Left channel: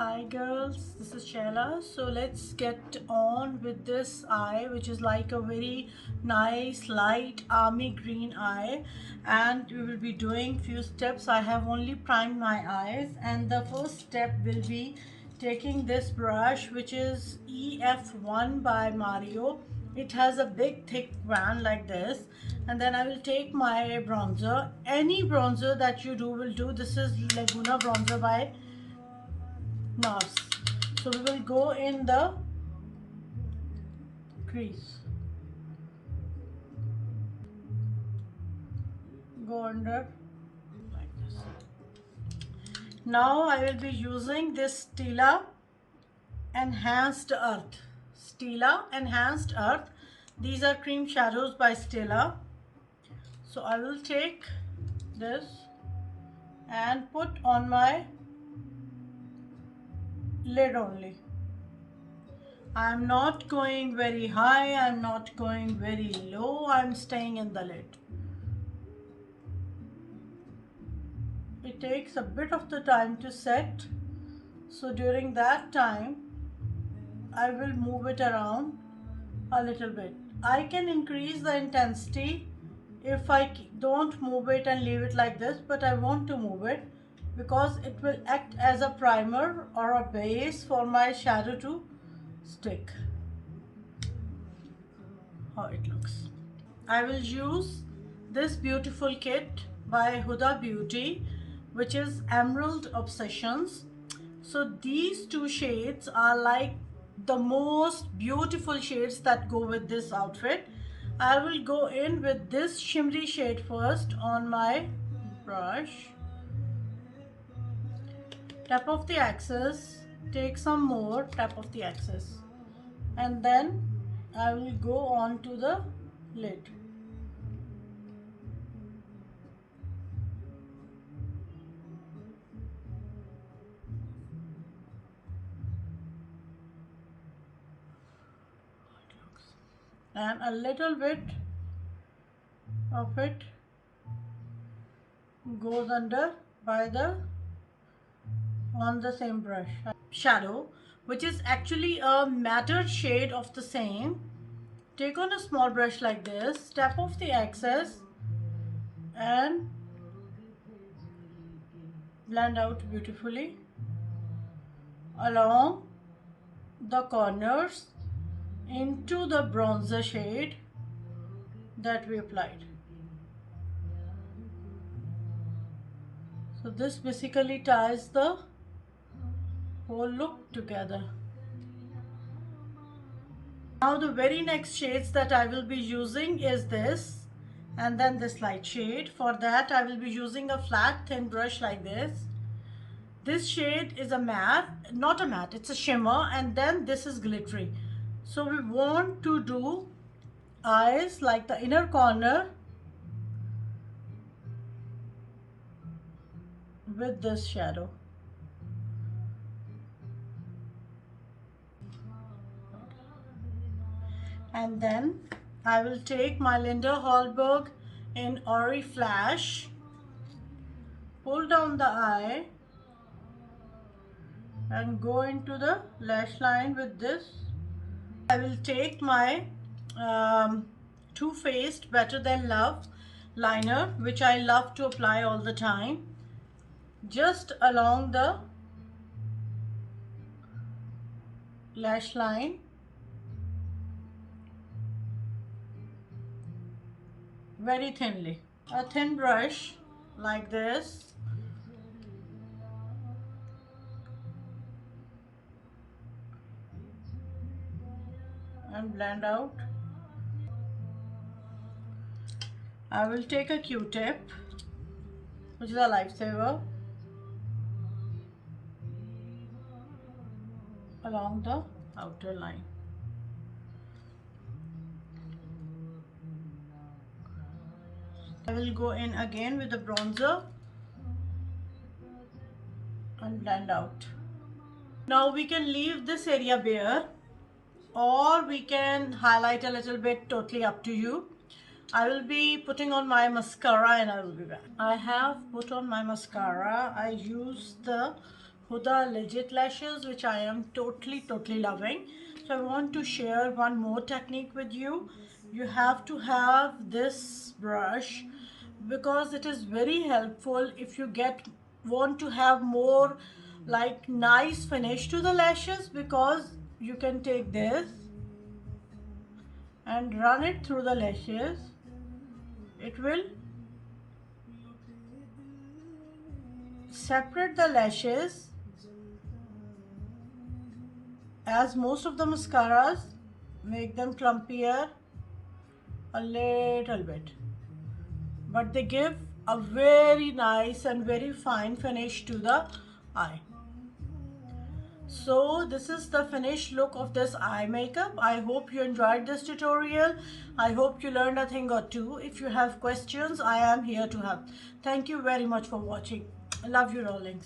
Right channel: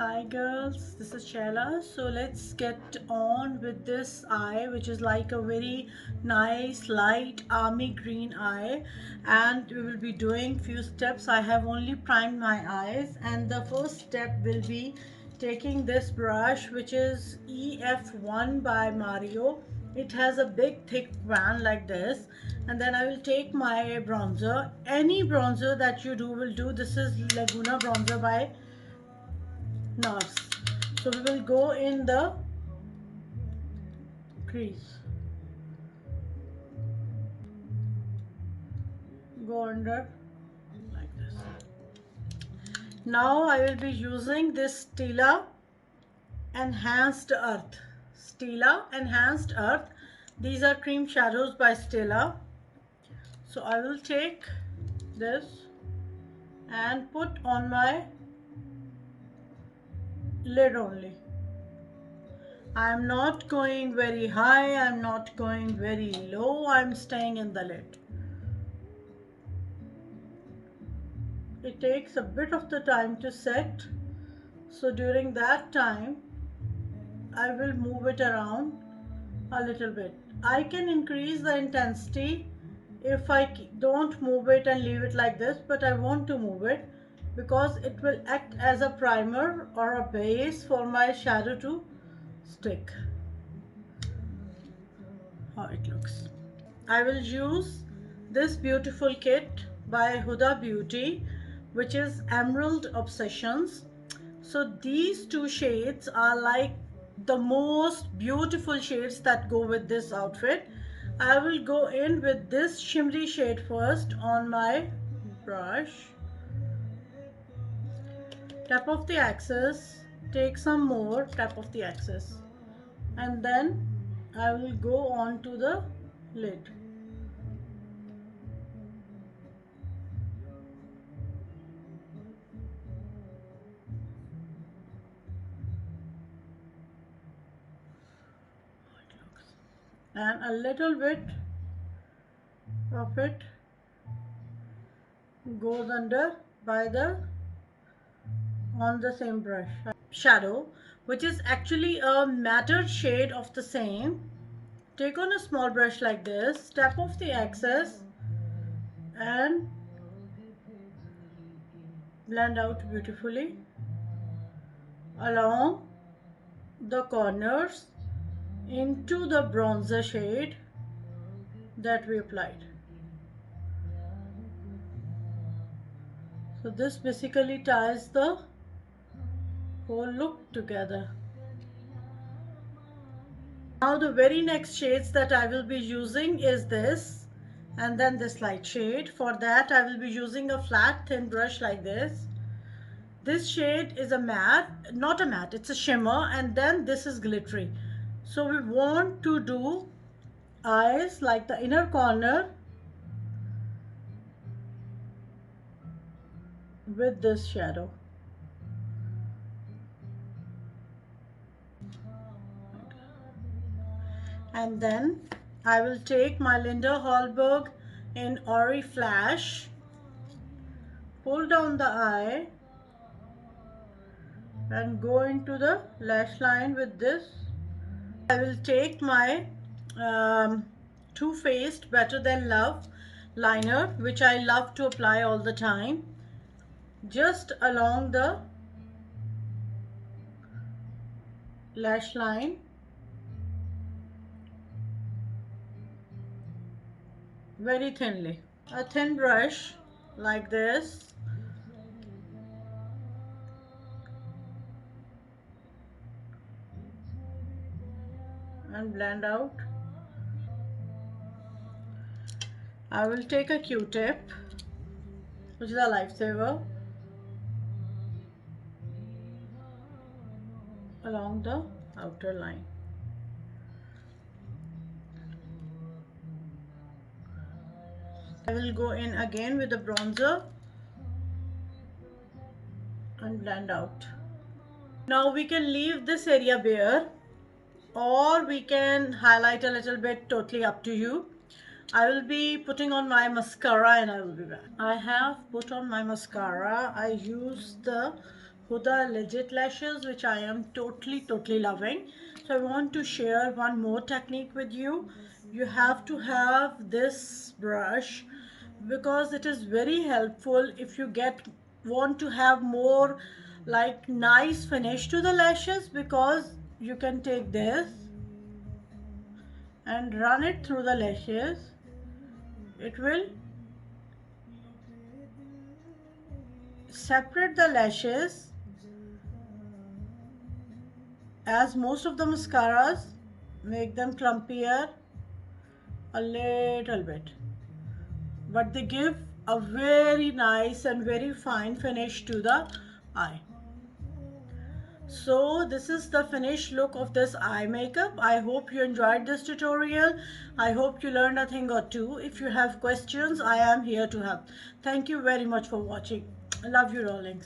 Hi girls, this is Shayla. So let's get on with this eye, which is like a very nice light army green eye, and we will be doing few steps. I have only primed my eyes, and the first step will be taking this brush, which is EF1 by Mario. It has a big thick wand like this, and then I will take my bronzer. Any bronzer that you do will do. This is Laguna bronzer by NARS. So we will go in the crease, go under like this. Now I will be using this Stila Enhanced Earth. Stila Enhanced Earth. These are cream shadows by Stila. So I will take this and put on my lid only. I'm not going very high, I'm not going very low, I'm staying in the lid. It takes a bit of the time to set, so during that time I will move it around a little bit. I can increase the intensity if I don't move it and leave it like this, but I want to move it because it will act as a primer or a base for my shadow to stick. How it looks. I will use this beautiful kit by Huda Beauty, which is Emerald Obsessions. So these two shades are like the most beautiful shades that go with this outfit. I will go in with this shimmery shade first on my brush. Tap off the axis, take some more, tap off the axis, and then I will go on to the lid. And a little bit of it goes under by the on the same brush. Shadow, which is actually a matte shade of the same. Take on a small brush like this, tap off the excess and blend out beautifully along the corners into the bronzer shade that we applied. So this basically ties the whole look together. Now the very next shades that I will be using is this and then this light shade. For that I will be using a flat thin brush like this. This shade is a matte, not a matte, it's a shimmer, and then this is glittery. So we want to do eyes like the inner corner with this shadow. And then I will take my Linda Hallberg in Ori Flash, pull down the eye and go into the lash line with this. I will take my Too Faced Better Than Love liner, which I love to apply all the time, just along the lash line. Very thinly. A thin brush like this. And blend out. I will take a Q-tip, which is a lifesaver, along the outer line. I will go in again with the bronzer and blend out. Now we can leave this area bare or we can highlight a little bit, totally up to you. I will be putting on my mascara and I will be back. I have put on my mascara. I use the Huda Legit lashes, which I am totally loving. So I want to share one more technique with you. You have to have this brush because it is very helpful if you want to have more like nice finish to the lashes, because you can take this and run it through the lashes. It will separate the lashes, as most of the mascaras make them clumpier a little bit, but they give a very nice and very fine finish to the eye. So this is the finished look of this eye makeup. I hope you enjoyed this tutorial. I hope you learned a thing or two. If you have questions, I am here to help. Thank you very much for watching. I love you, darlings.